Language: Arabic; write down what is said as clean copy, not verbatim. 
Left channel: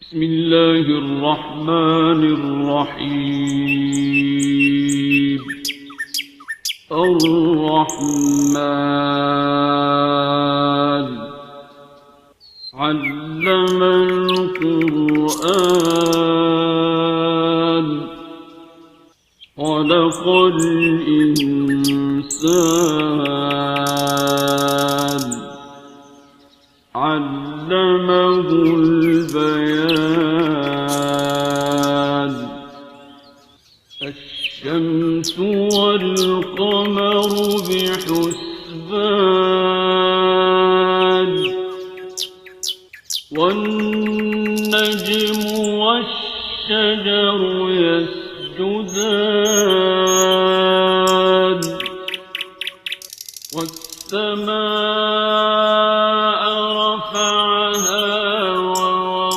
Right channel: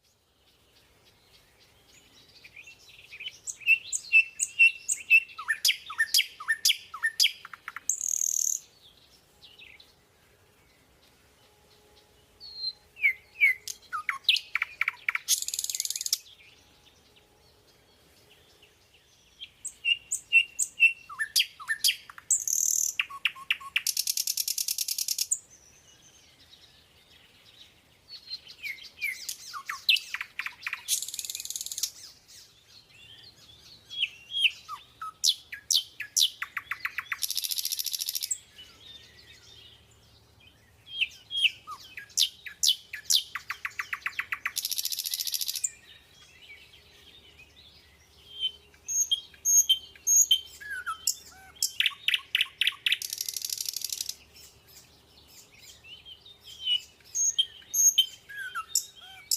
بسم الله الرحمن الرحيم. الرحمن علم القرآن خلق الإنسان علمه البيان. الشمس والقمر بحسبان والنجم والشجر يسجدان